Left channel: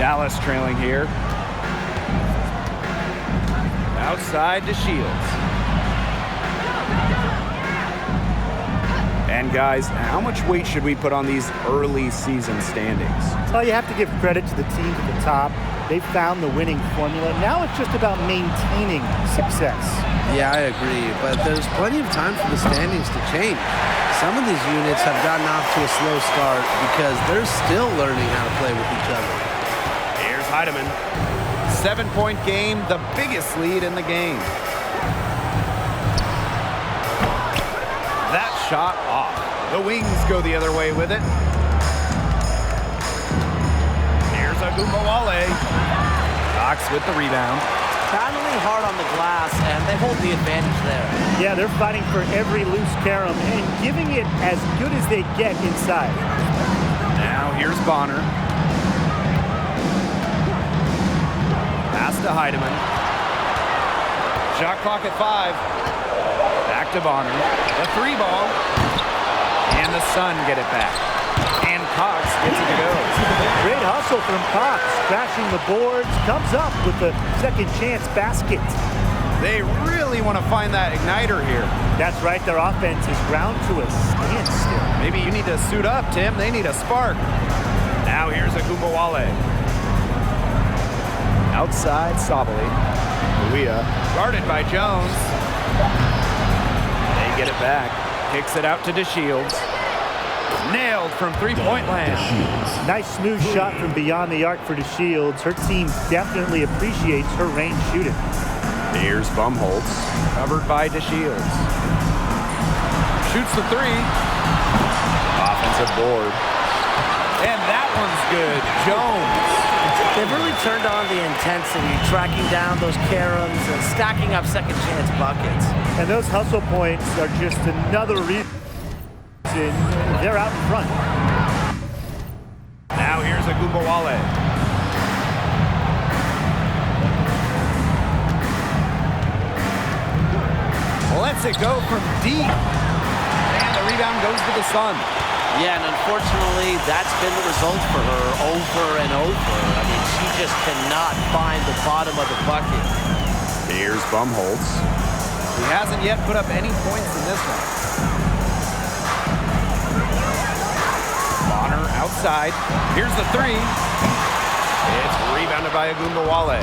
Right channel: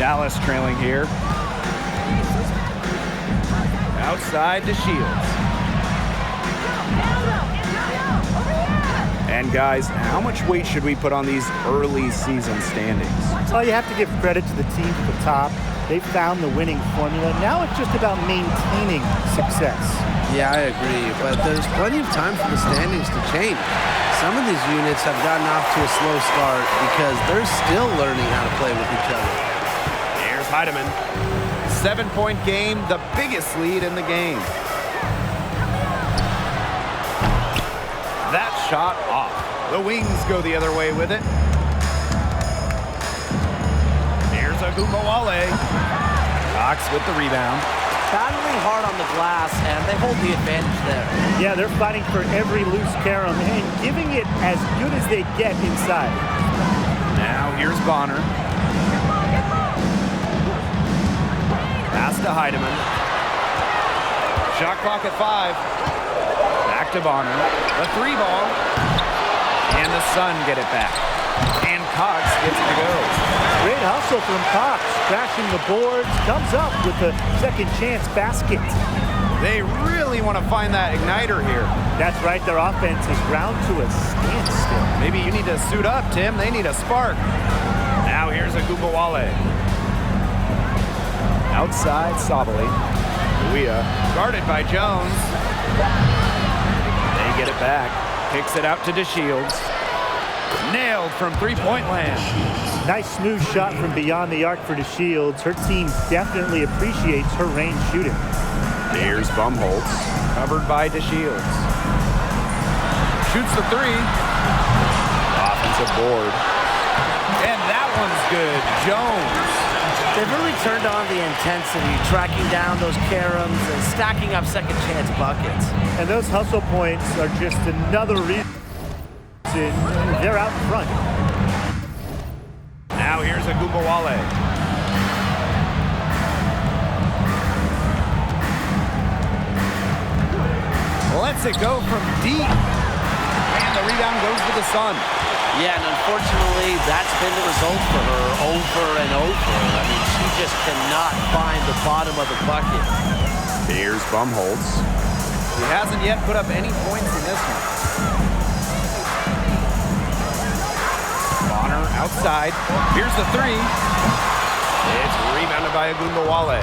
Dallas trailing here. Outside to Shields. And guys, how much weight should we put on these early season standings? Well, you have to give credit to the teams at the top. They've found the winning formula. Now it's just about maintaining success. Yeah, I agree, but there's plenty of time for the standings to change. Some of these units have gotten off to a slow start because they're still learning how to play with each other. Here's Heidemann. 7-point game, the biggest lead in the game. That shot off. The Wings go the other way with it. Here's Agumbawale. Cox with the rebound. Battling hard on the glass, and they hold the advantage there. Yeah, they're fighting for every loose carom and giving it as good as they get inside. Now here's Bonner. Pass to Heidemann. Shot clock at 5. Back to Bonner. The 3 ball. And the Sun get it back. And Cox gets it to go. Great hustle from Cox, crashing the boards, comes up with the second chance basket. They really want to find that igniter here. That's right, their offense is ground to a standstill. Maybe you need to suit up, Tim. They need a spark. Now here's Agumbawale. Outside, Sabali. Luia, guarded by Jones. They get it back. Kicks it out to DeShields. Nailed from three-point land. Nice smooth shot from beyond the arc for DeShields. Her team definitely appreciates her range shooting. Here's Bumholtz, covered by DeShields. Shoots the 3. Offensive board. And that one's good. Jones. They've really turned on the intensity, tracking down those caroms and stacking up second chance buckets. And those hustle points are just another reason they're out in front. Now here's Agumbawale. Lets it go from deep. And the rebound goes to the Sun. Yeah, and unfortunately, that's been the result for her over and over. I mean, she just cannot find the bottom of the bucket. Here's Bumholtz. She hasn't yet put up any points in this one. Bonner outside. Here's the 3. It's rebounded by Agumbawale.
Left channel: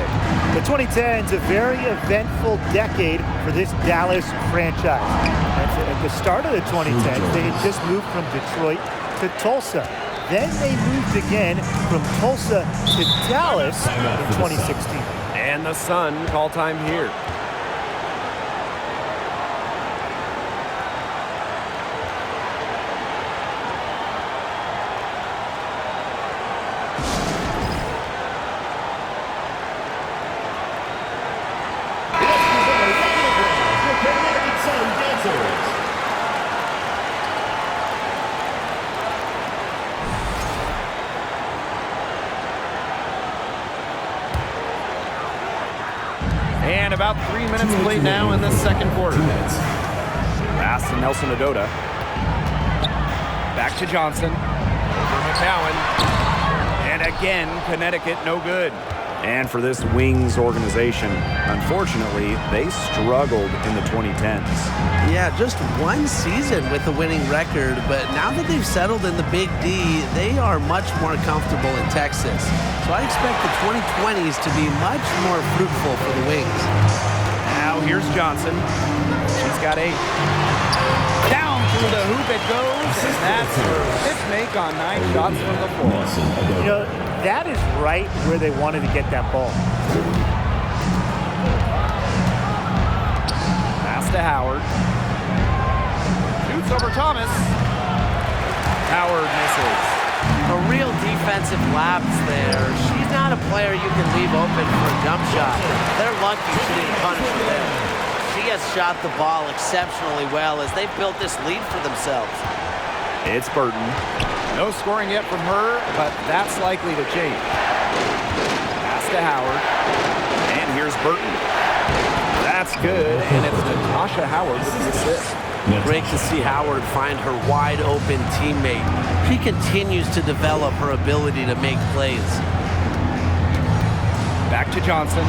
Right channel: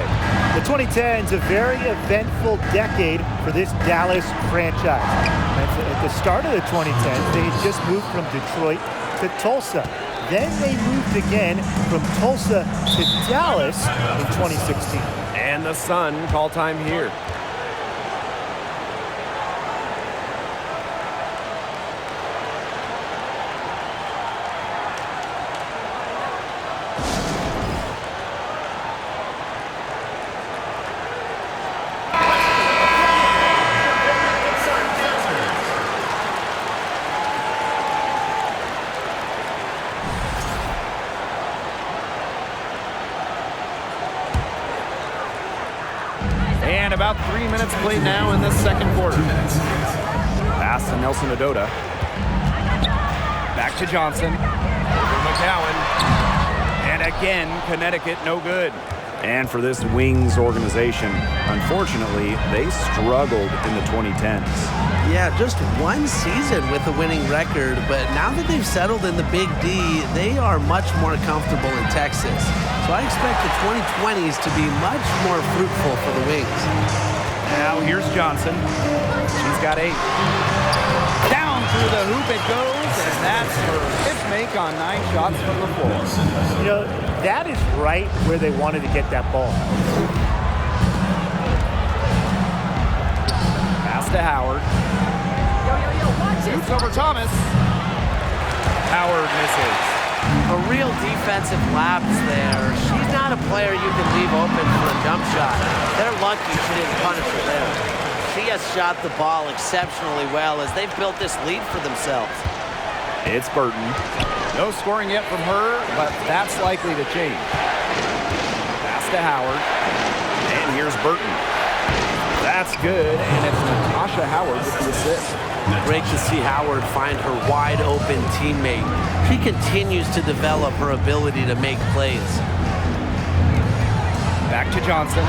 The 2010s, a very eventful decade for this Dallas franchise. At the start of the 2010s, they had just moved from Detroit to Tulsa. Then they moved again from Tulsa to Dallas in 2016. And the Sun call time here. And about 3 minutes played now in the second quarter. Pass to Nelson Adota. Back to Johnson. Over McCowan. And again, Connecticut no good. And for this Wings organization, unfortunately, they struggled in the 2010s. Yeah, just one season with a winning record, but now that they've settled in the Big D, they are much more comfortable in Texas. So I expect the 2020s to be much more fruitful for the Wings. Now here's Johnson. She's got 8. Down through the hoop it goes, and that's her 5th make on 9 shots from the floor. You know, that is right where they wanted to get that ball. Pass to Howard. Shoots over Thomas. Howard misses. A real defensive lapse there. She's not a player you can leave open for a jump shot. They're lucky she didn't punish her there. She has shot the ball exceptionally well as they've built this lead for themselves. It's Burton. No scoring yet from her, but that's likely to change. Pass to Howard. And here's Burton. That's good, and it's Natasha Howard with the assist. Great to see Howard find her wide open teammate. She continues to develop her ability to make plays. Back to Johnson.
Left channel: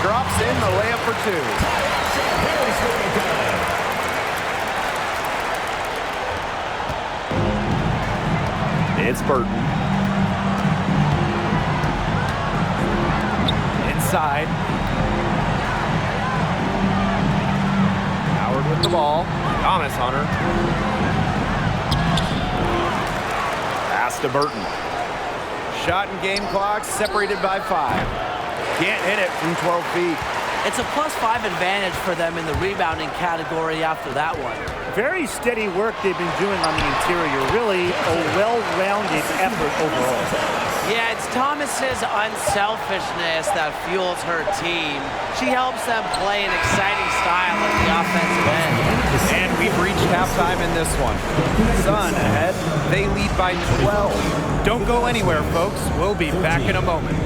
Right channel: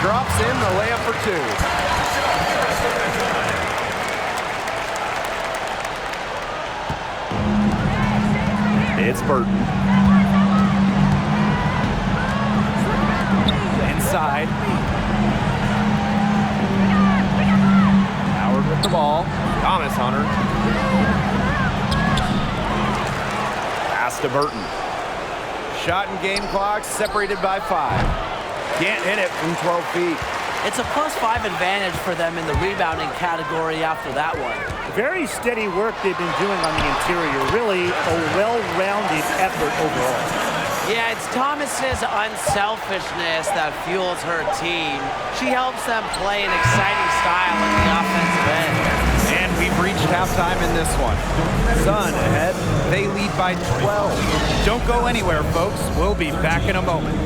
Drops in the layup for two. It's Burton. Inside. Howard with the ball. Thomas on her. Pass to Burton. Shot and game clock separated by 5. Can't hit it from 12 feet. It's a +5 advantage for them in the rebounding category after that one. Very steady work they've been doing on the interior. Really a well-rounded effort overall. Yeah, it's Thomas's unselfishness that fuels her team. She helps them play an exciting style on the offensive end. And we've reached halftime in this one. Sun ahead. They lead by 12. Don't go anywhere, folks. We'll be back in a moment.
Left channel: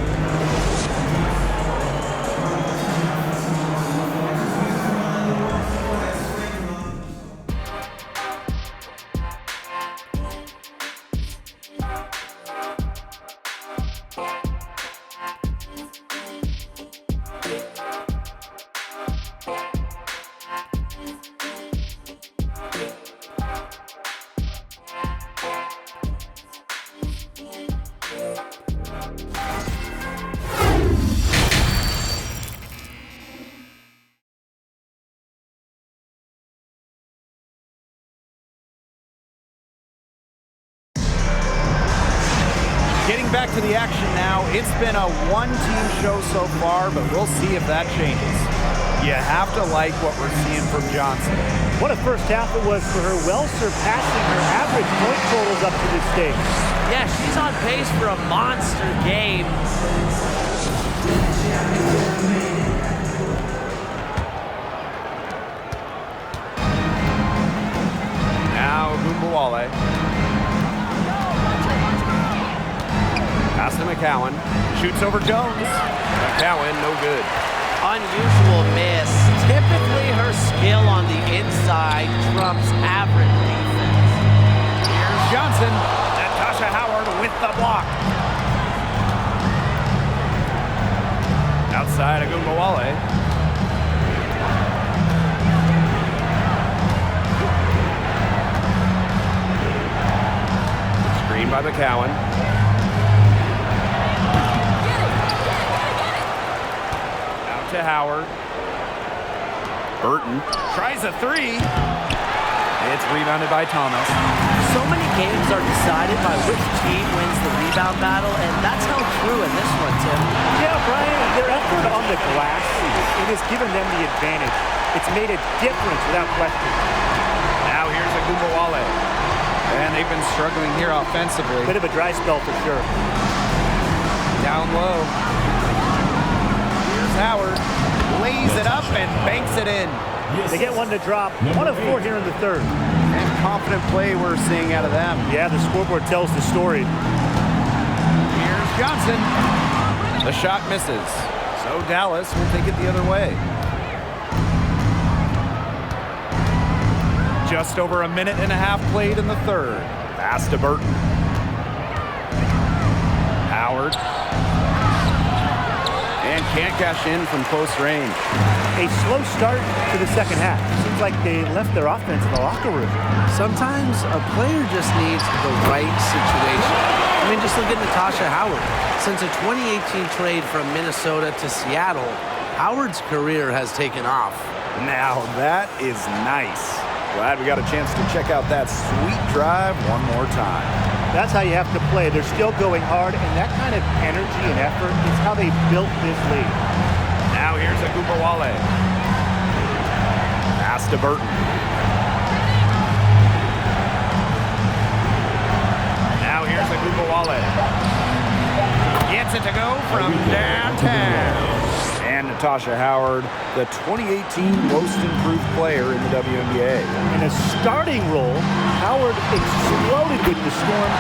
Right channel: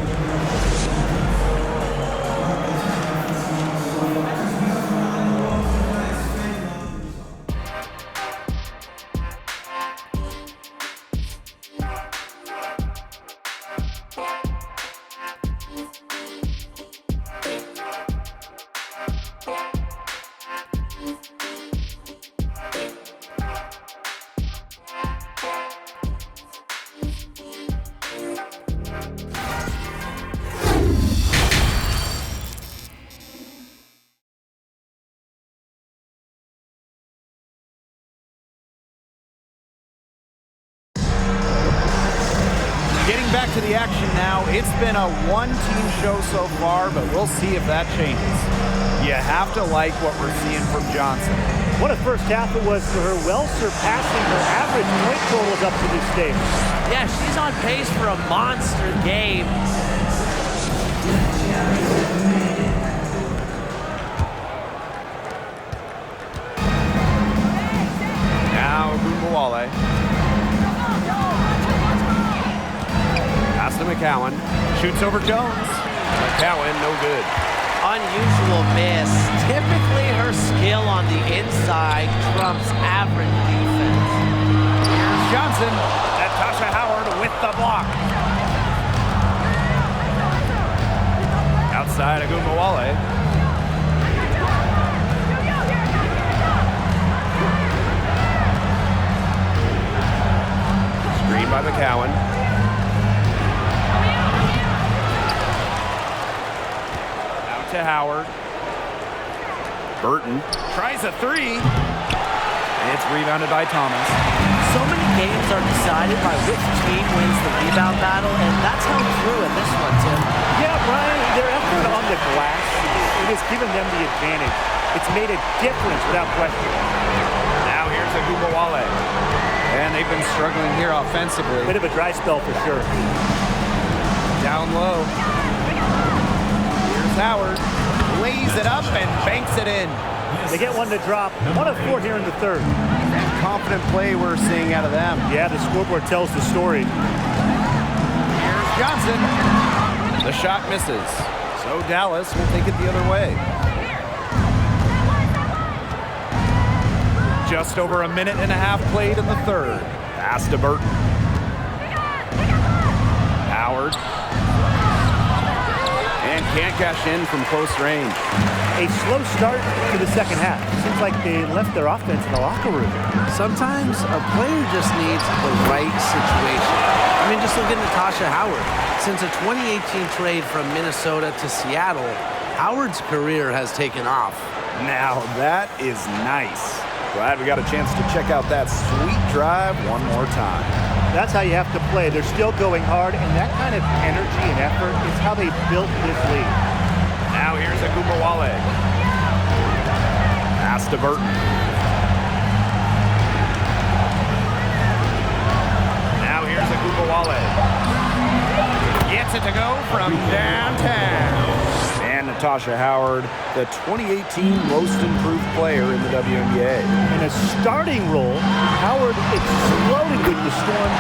Getting back to the action now, it's been a one-team show so far, but we'll see if that changes. You have to like what we're seeing from Johnson. What a first half it was for her, well surpassing her average point totals up to this stage. Yeah, she's on pace for a monster game. Now Gumbawale. Pass to McCowan. Shoots over Jones. McCowan, no good. Unusual miss. Typically her skill on the inside trumps average defense. Here's Johnson. Natasha Howard with the block. Outside Agumbawale. Screen by McCowan. To Howard. Burton tries a three. It's rebounded by Thomas. So many games are decided by which team wins the rebound battle, and that's held true in this one, Tim. Yeah, Brian, their effort on the glass, it has given them the advantage. It's made a difference without question. Now here's Agumbawale. And they've been struggling here offensively. Bit of a dry spell for sure. Down low. Howard lays it up and banks it in. They get one to drop. 1 of 4 here in the third. And confident play we're seeing out of them. Yeah, the scoreboard tells the story. Here's Johnson. The shot misses. So Dallas will take it the other way. Just over a minute and a half played in the third. Pass to Burton. Howard. And can't cash in from close range. A slow start to the second half. It seems like they left their offense in the locker room. Sometimes a player just needs the right situation. I mean, just look at Natasha Howard. Since a 2018 trade from Minnesota to Seattle, Howard's career has taken off. Now that is nice. Glad we got a chance to check out that sweet drive one more time. That's how you have to play. They're still going hard, and that kind of energy and effort is how they built this lead. Now here's Agumbawale. Pass to Burton. Now here's Agumbawale. Gets it to go from downtown. And Natasha Howard, the 2018 most improved player in the WNBA. In a starting role, Howard exploded with the Storm.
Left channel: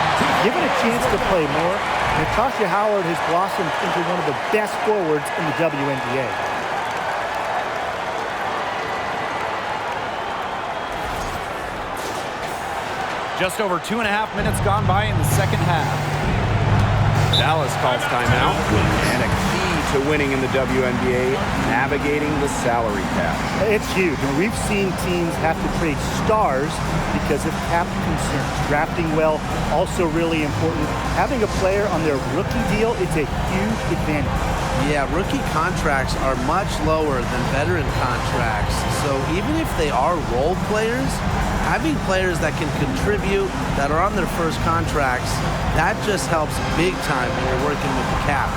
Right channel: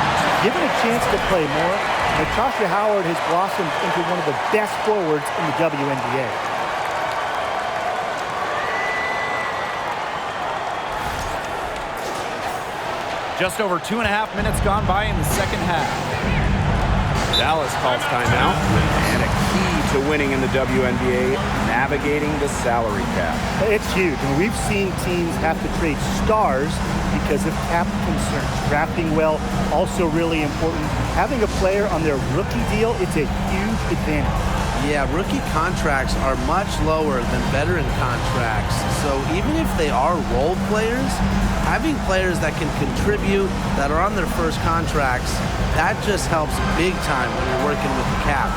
Given a chance to play more, Natasha Howard has blossomed into one of the best forwards in the WNBA. Just over 2.5 minutes gone by in the second half. Dallas calls timeout. And a key to winning in the WNBA, navigating the salary cap. It's huge. I mean, we've seen teams have to trade stars because of cap concerns. Drafting well, also really important. Having a player on their rookie deal, it's a huge advantage. Yeah, rookie contracts are much lower than veteran contracts. So even if they are role players, having players that can contribute, that are on their first contracts, that just helps big time when you're working with the cap.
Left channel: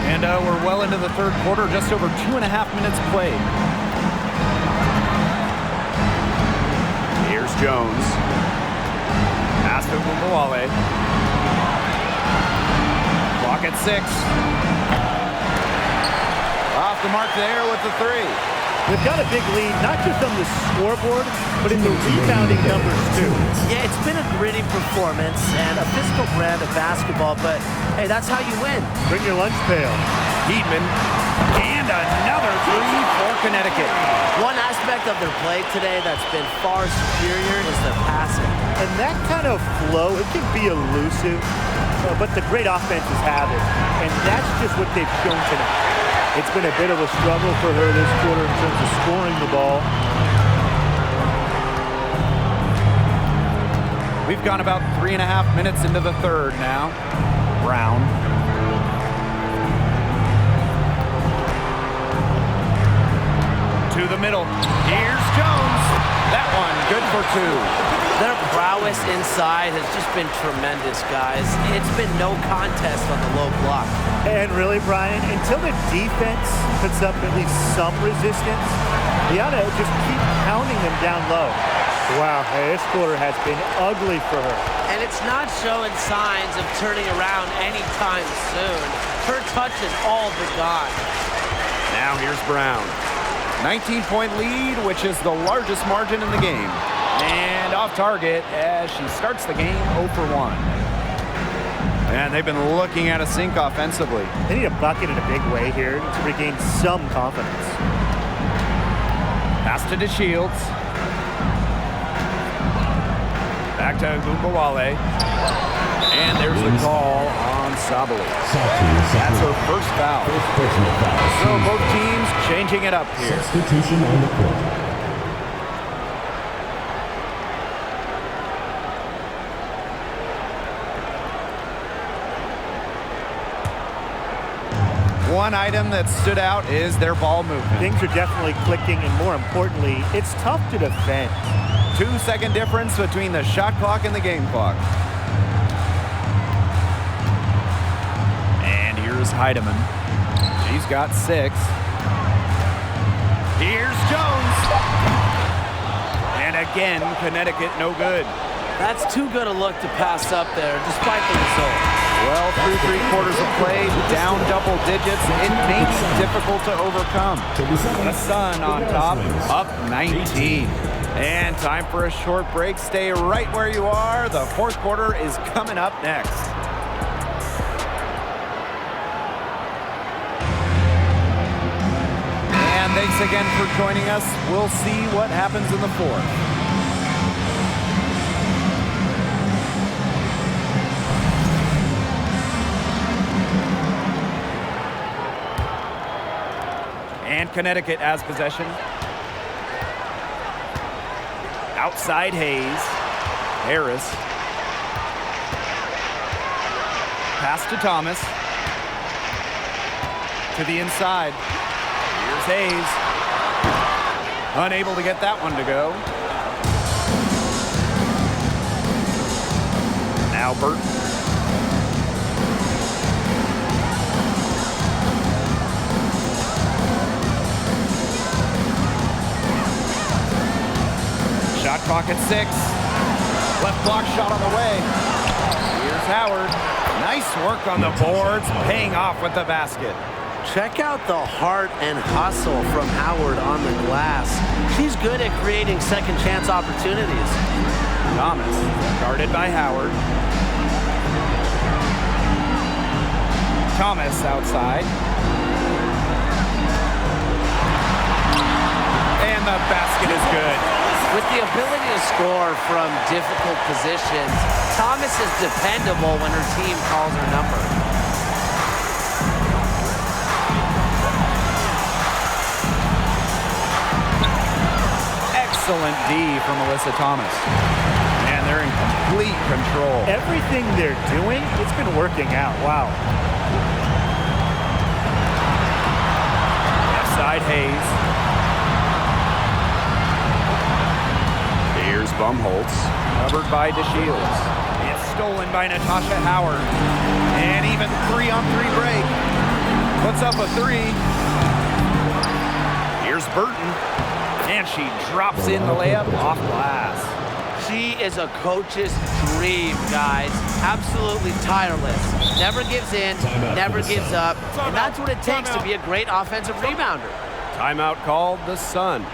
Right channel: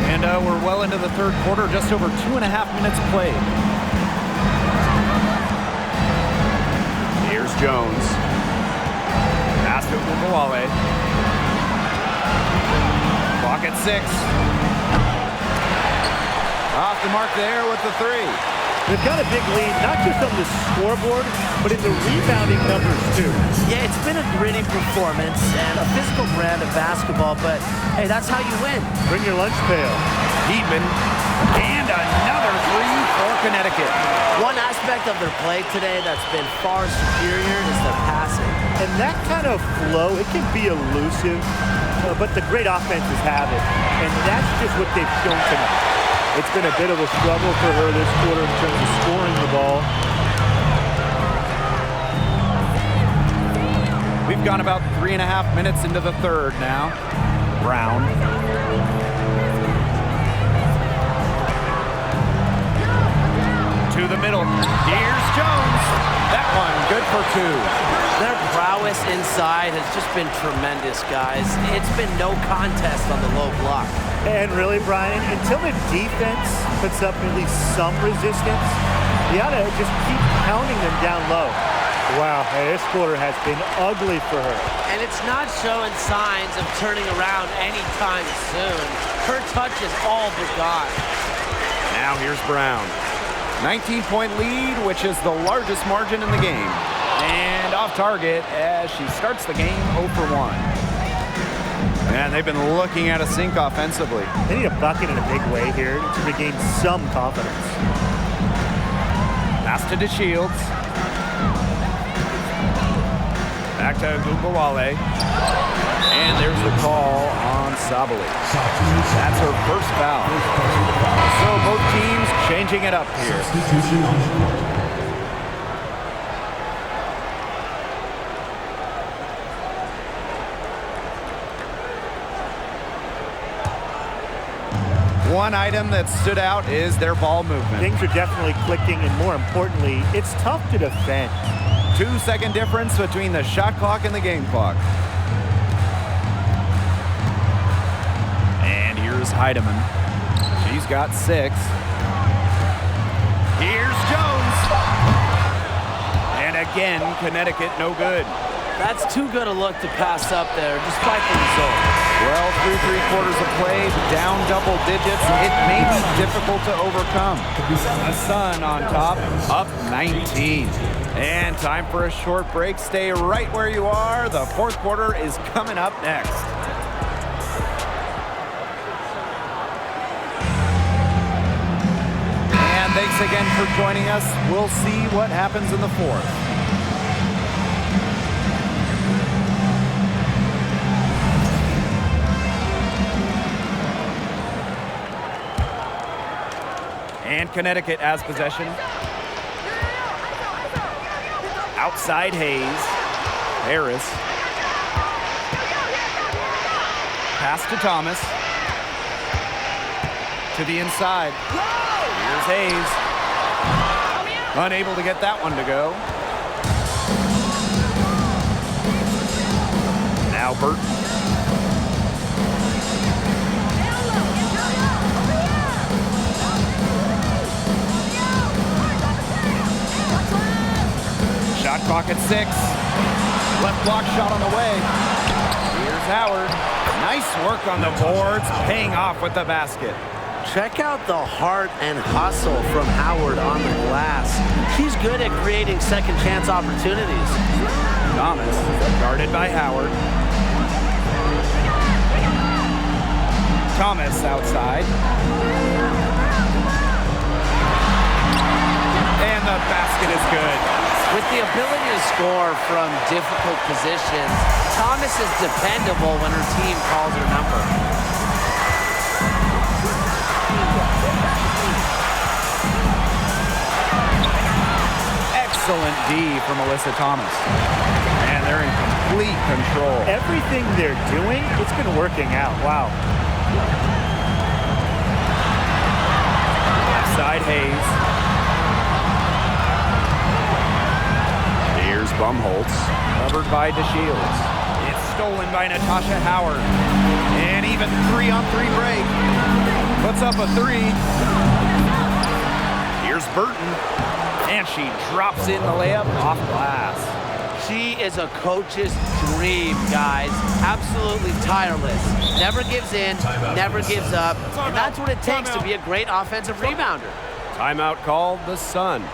And we're well into the third quarter, just over 2.5 minutes played. Here's Jones. Pass to Gumbawale. Clock at 6. Off the mark there with the 3. They've got a big lead, not just on the scoreboard, but in the rebounding numbers, too. Yeah, it's been a gritty performance and a physical brand of basketball, but hey, that's how you win. Bring your lunch pail. Heatman. And another 3 for Connecticut. One aspect of their play today that's been far superior is their passing. And that kind of flow, it can be elusive, but the great offenses have it. And that's just what they've shown tonight. It's been a bit of a struggle for her this quarter in terms of scoring the ball. We've gone about 3.5 minutes into the third now. Brown. To the middle. Here's Jones. That one good for 2. Their prowess inside has just been tremendous, guys. It's been no contest on the low block. And really, Brian, until the defense puts up at least some resistance, they ought to just keep pounding them down low. Wow, hey, this quarter has been ugly for her. And it's not showing signs of turning around anytime soon. Her touch is all but gone. Now here's Brown. 19-point lead, which is the largest margin in the game. And off target as she starts the game 0 for 1. And they've been looking at a sink offensively. They need a bucket in a big way here to regain some confidence. Pass to DeShields. Back to Gumbawale. And there's the call on Sabali. That's her first foul. So both teams changing it up here. Substitution on the court. One item that stood out is their ball movement. Things are definitely clicking, and more importantly, it's tough to defend. 2-second difference between the shot clock and the game clock. And here's Heidemann. She's got 6. Here's Jones. And again, Connecticut no good. That's too good a look to pass up there, despite the result. Well, through 3 quarters of play, down double digits, it may be difficult to overcome. The Sun on top, up 19. And time for a short break. Stay right where you are. The fourth quarter is coming up next. And thanks again for joining us. We'll see what happens in the fourth. And Connecticut has possession. Outside Hayes. Harris. Pass to Thomas. To the inside. Here's Hayes. Unable to get that one to go. Now Burton. Shot clock at 6. Left block shot on the way. Here's Howard. Nice work on the boards, paying off with the basket. Check out the heart and hustle from Howard on the glass. She's good at creating second chance opportunities. Thomas, guarded by Howard. Thomas outside. And the basket is good. With the ability to score from difficult positions, Thomas is dependable when her team calls her number. Excellent D from Alyssa Thomas. And they're in complete control. Everything they're doing, it's been working out. Wow. Left side, Hayes. Here's Bumholtz, covered by DeShields. It's stolen by Natasha Howard. And even 3-on-3 break. Puts up a 3. Here's Burton. And she drops in the layup off glass. She is a coach's dream, guys. Absolutely tireless. Never gives in, never gives up. And that's what it takes to be a great offensive rebounder. Timeout called the Sun.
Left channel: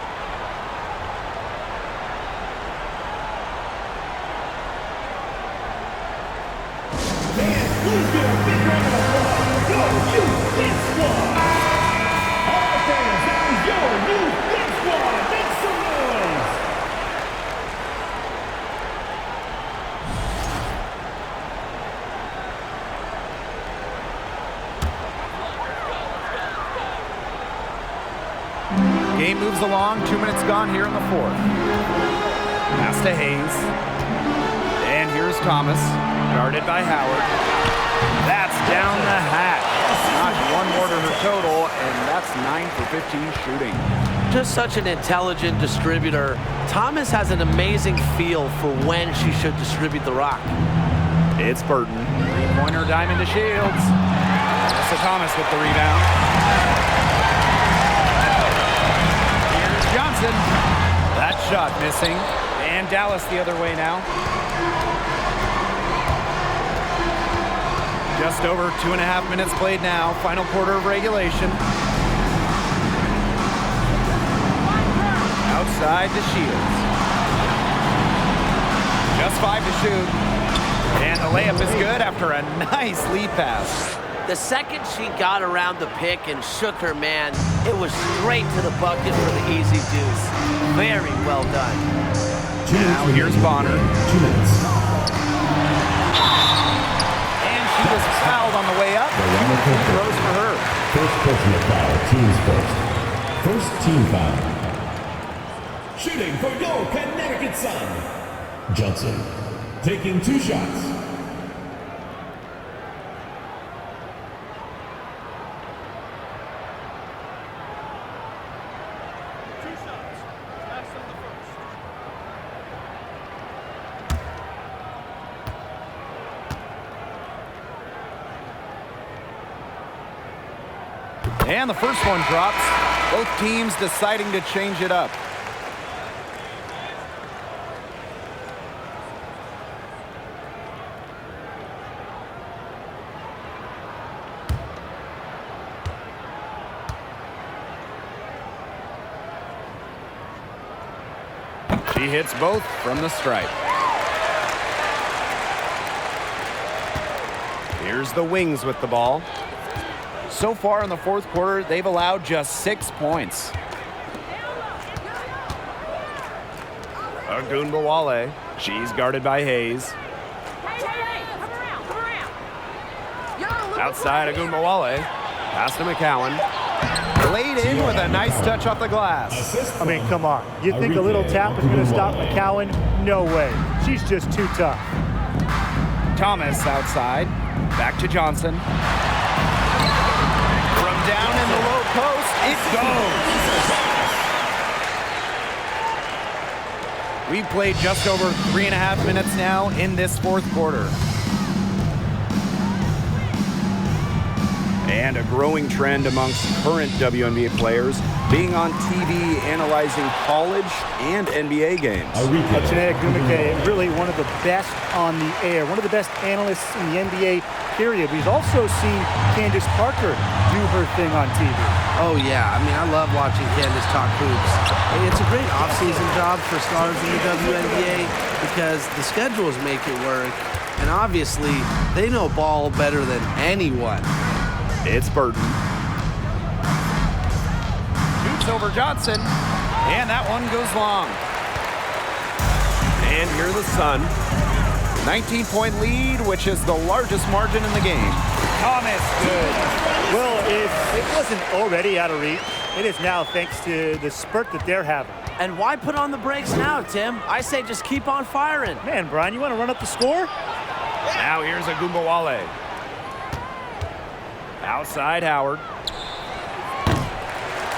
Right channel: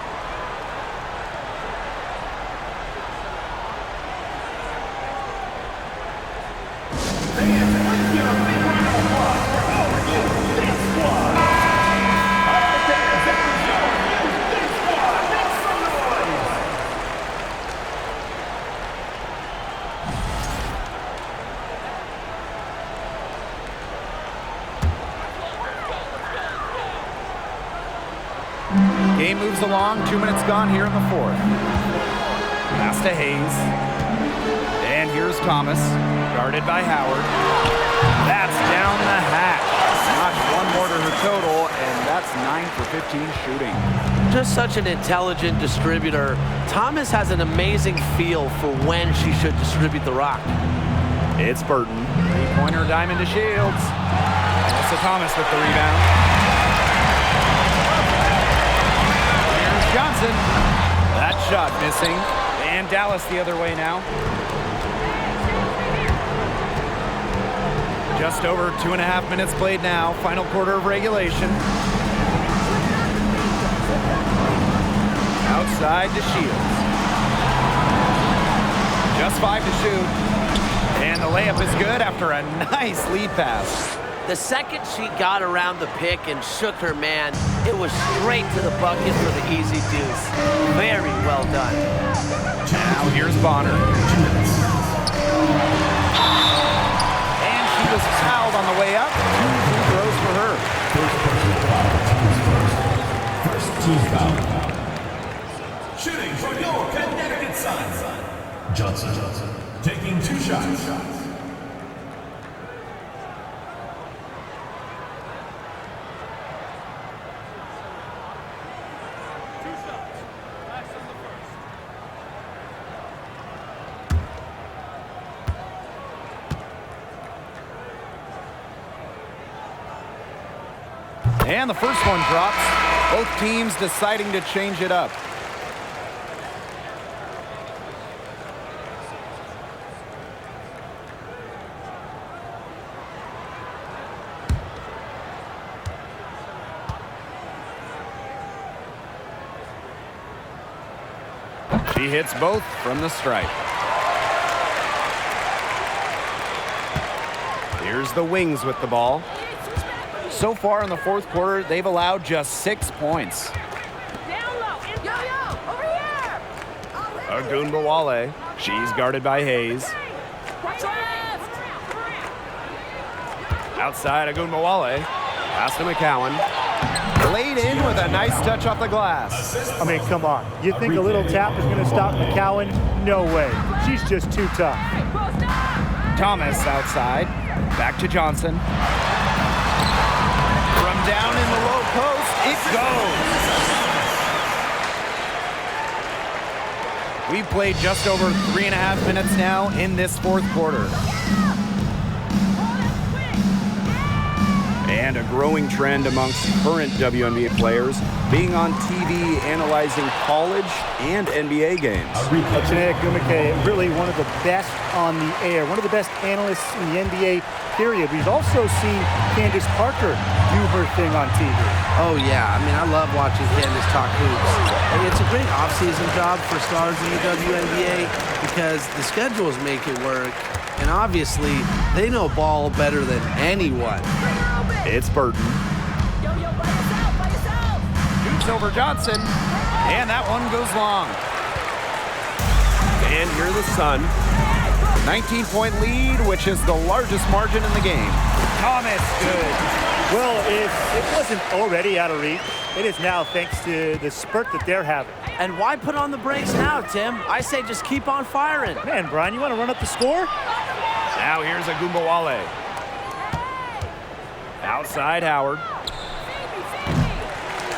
Game moves along, 2 minutes gone here in the fourth. Pass to Hayes. And here's Thomas, guarded by Howard. That's down the hatch. Notch one more to her total, and that's 9 for 15 shooting. Just such an intelligent distributor. Thomas has an amazing feel for when she should distribute the rock. It's Burton. Three-pointer diamond to Shields. Alyssa Thomas with the rebound. Johnson. That shot missing. And Dallas the other way now. Just over 2.5 minutes played now. Final quarter of regulation. Outside to Shields. Just 5 to shoot. And the layup is good after a nice lead pass. The second she got around the pick and shook her man, it was straight to the bucket for the easy deuce. Very well done. Now here's Bonner. 2 minutes. And she was fouled on the way up. 2 free throws for her. First personal foul, team's first. First team foul. Shooting for your Connecticut Sun. Johnson taking 2 shots. And the first one drops. Both teams deciding to change it up. She hits both from the stripe. Here's the Wings with the ball. So far in the fourth quarter, they've allowed just 6 points. Agunbawale. She's guarded by Hayes. Outside Agunbawale. Pass to McCowan. Laid in with a nice touch off the glass. I mean, come on. You think a little tap is going to stop McCowan? No way. She's just too tough. Thomas outside. Back to Johnson. From down in the low post, it goes. We've played just over 3.5 minutes now in this fourth quarter. And a growing trend amongst current WNBA players being on TV analyzing college and NBA games. Chiney Ogwumike, really one of the best on the air, one of the best analysts in the NBA, period. We've also seen Candace Parker do her thing on TV. Oh, yeah. I mean, I love watching Candace talk hoops. Hey, it's a great off-season job for stars in the WNBA because the schedules make it work. And obviously, they know ball better than anyone. It's Burton. Shoots over Johnson. And that one goes long. And here the Sun. 19-point lead, which is the largest margin in the game. Thomas, good. Well, if it wasn't already out of reach, it is now thanks to the spurt that they're having. And why put on the brakes now, Tim? I say just keep on firing. Man, Brian, you want to run up the score? Now here's Ogwumike. Outside Howard.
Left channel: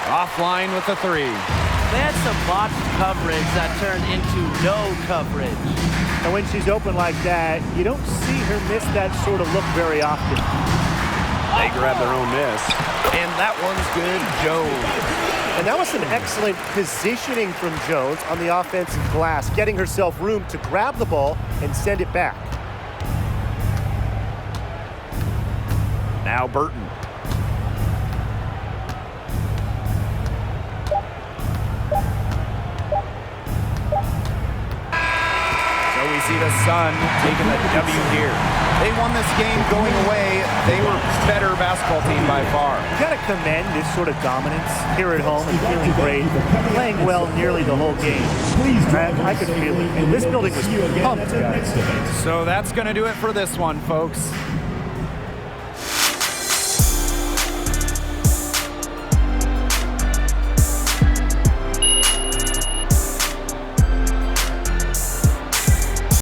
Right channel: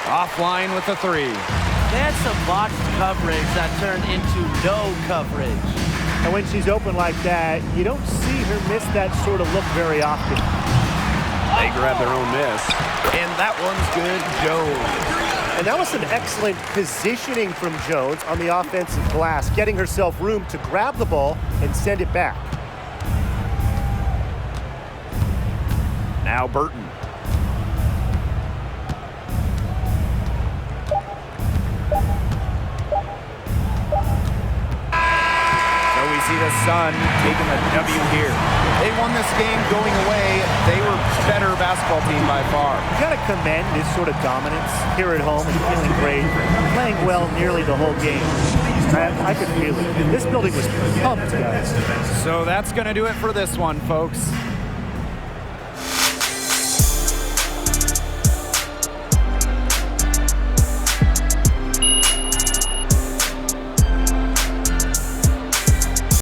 Offline with the three. They had some botched coverage that turned into no coverage. And when she's open like that, you don't see her miss that sort of look very often. They grab their own miss. And that one's good, Jones. And that was some excellent positioning from Jones on the offensive glass, getting herself room to grab the ball and send it back. Now Burton. So we see the Sun taking the W here. They won this game going away. They were better basketball team by far. You got to commend this sort of dominance here at home and feeling great, playing well nearly the whole game. I could feel it. This building was pumped, guys. So that's going to do it for this one, folks.